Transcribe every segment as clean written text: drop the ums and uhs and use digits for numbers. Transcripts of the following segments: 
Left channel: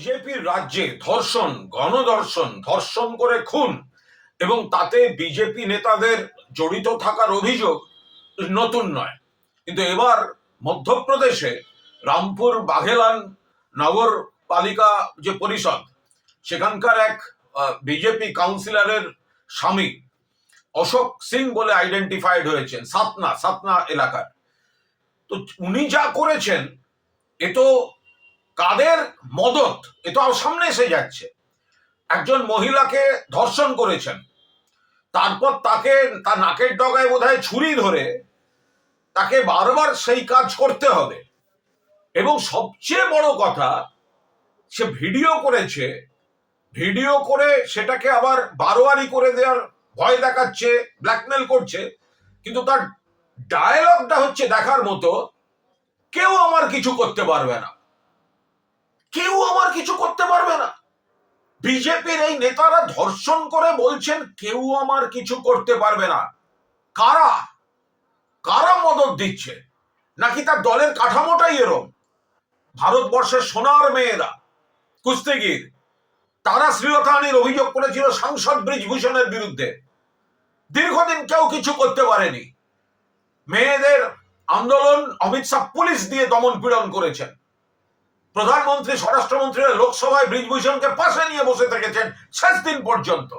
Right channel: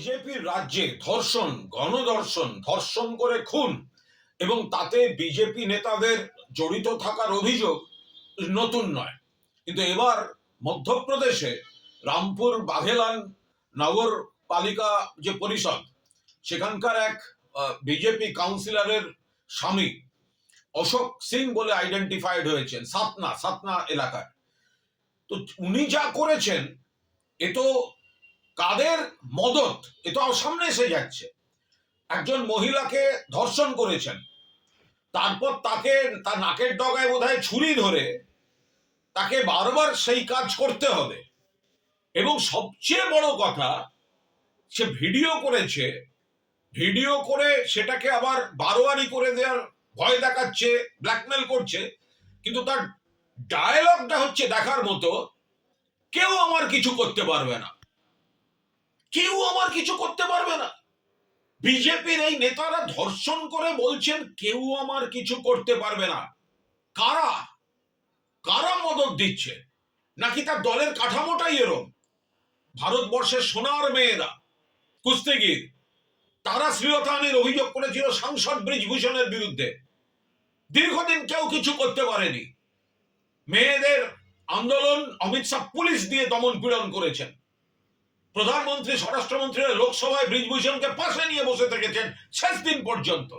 বিজেপির রাজ্যে ধর্ষণ, গণধর্ষণ, ধর্ষণ করে খুন এবং তাতে বিজেপি নেতাদের জড়িত থাকার অভিযোগ নতুন নয়। কিন্তু এবার মধ্যপ্রদেশে রামপুর বাঘেলান নগরপালিকা যে পরিষদ, সেখানকার এক বিজেপি কাউন্সিলরের স্বামী অশোক সিং বলে আইডেন্টিফাইড হয়েছেন সাতনা এলাকার। তো উনি যা করেছেন এ তো কাদের মদত, এ তো সামনে এসে যাচ্ছে। একজন মহিলাকে ধর্ষণ করেছেন, তারপর তাকে তার নাকের ডগায় বোধহয় ছুরি ধরে তাকে বারবার সেই কাজ করতে হবে। এবং সবচেয়ে বড় কথা, সে ভিডিও করেছে, ভিডিও করে সেটাকে আবার বারোয়ারি করে দেওয়ার ভয় দেখাচ্ছে, ব্ল্যাকমেল করছে। কিন্তু তার ডায়ালগটা হচ্ছে দেখার মতো, কেউ আমার কিছু করতে পারবে না, কেউ আমার কিছু করতে পারবে না। বিজেপির এই নেতারা ধর্ষণ করে বলছেন কেউ আমার কিছু করতে পারবে না। কারা কারা মদত দিচ্ছে? নাকি তার দলের কাঠামোটাই এরম? ভারতবর্ষের সোনার মেয়েরা কুস্তিগির, তারা শ্লীলতাহানির অভিযোগ করেছিল সাংসদ ব্রিজভূষণের বিরুদ্ধে। দীর্ঘদিন কেউ কিছু করতে পারেনি। মেয়েদের আন্দোলন অমিত শাহ পুলিশ দিয়ে দমন পীড়ন করেছেন। প্রধানমন্ত্রী, স্বরাষ্ট্রমন্ত্রীরা লোকসভায় ব্রিজভূষণকে পাশে নিয়ে বসে থেকেছেন শেষ দিন পর্যন্ত।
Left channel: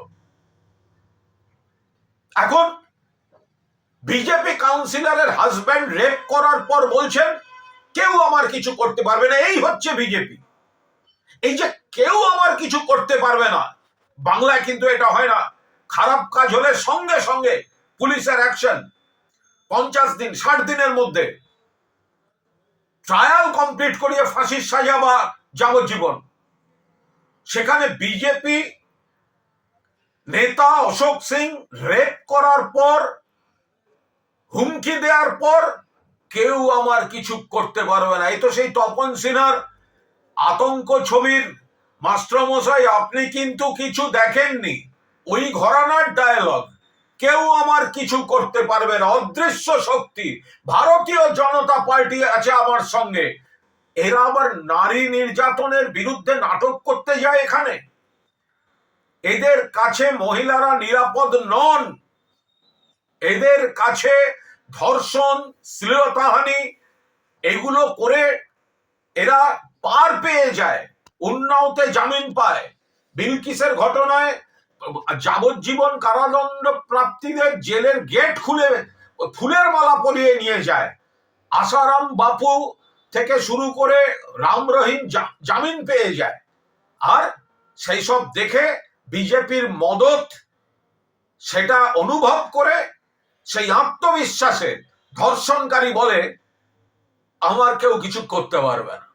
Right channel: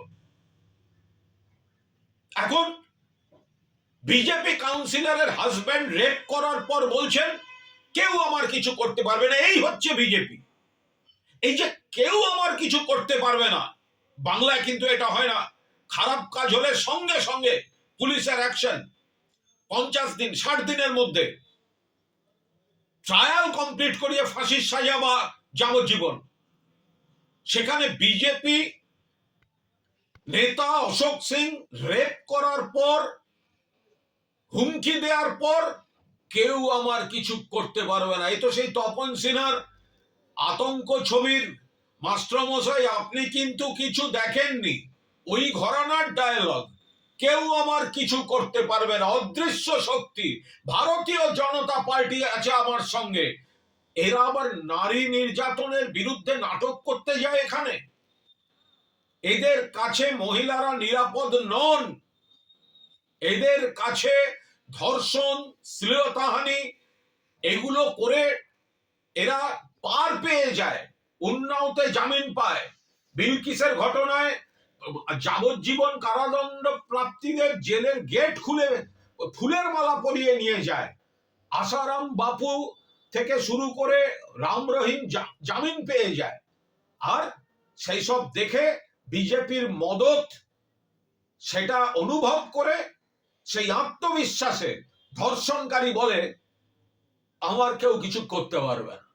এখন বিজেপি কাউন্সিলরের হাজব্যান্ড রেপ করার পর বলছেন কেউ আমার কিছু করতে পারবে না। এই হচ্ছে বিজেপি। এই যে কেউ আমার কিছু করতে পারবে না, বাংলায় কিন্তু এটা হয় না। খারাপ কাজ হলে সঙ্গে সঙ্গে পুলিশের অ্যাকশন, 50 দিন 60 দিনের মধ্যে ট্রায়াল কমপ্লিট করিয়ে ফাঁসির সাজা বা যাবজ্জীবন। সেখানে বিজেপি নেতা অশোক সিং রেপ করার পর, হুমকি দেওয়ার পর কেউ আমার কিছু করতে পারবে না। এই তো সেই তপন সিনহার আতঙ্ক ছবির মাস্টারমশাই, আপনি কিন্তু কিছু দেখেননি, ওই ঘরানার ডায়ালগ, কেউ আমার কিছু করতে পারবে না। অদৃশ্য শক্তি ভারতীয় জনতা পার্টি আছে আমার সঙ্গে। এরা আবার নারী নির্যাতনের বিরুদ্ধে নাটক করতে যায় এখানে। এদের কাছে মহিলারা নিরাপদ নন। এদের কাছে ধর্ষণ, শ্লীলতাহানি এগুলো করে এরা পার পেয়ে যায়, উন্নাওতে জামিন পায়। বিলকিসের ঘটনায় যাবজ্জীবন কারাদণ্ড প্রাপ্তিদের জেলের গেট খুলে ফুলের মালা পরিয়ে নিয়ে যায়। আসারাম বাপু থেকে শুরু করে রাম রহিম জামিন পেয়ে যায়। আর সেই সব দেখে বিজেপির মদত, সেটা অনুভব করে সেই আত্মবিশ্বাসে ধর্ষণকারী বলে আমার কেউ কিছু করতে পারবে না।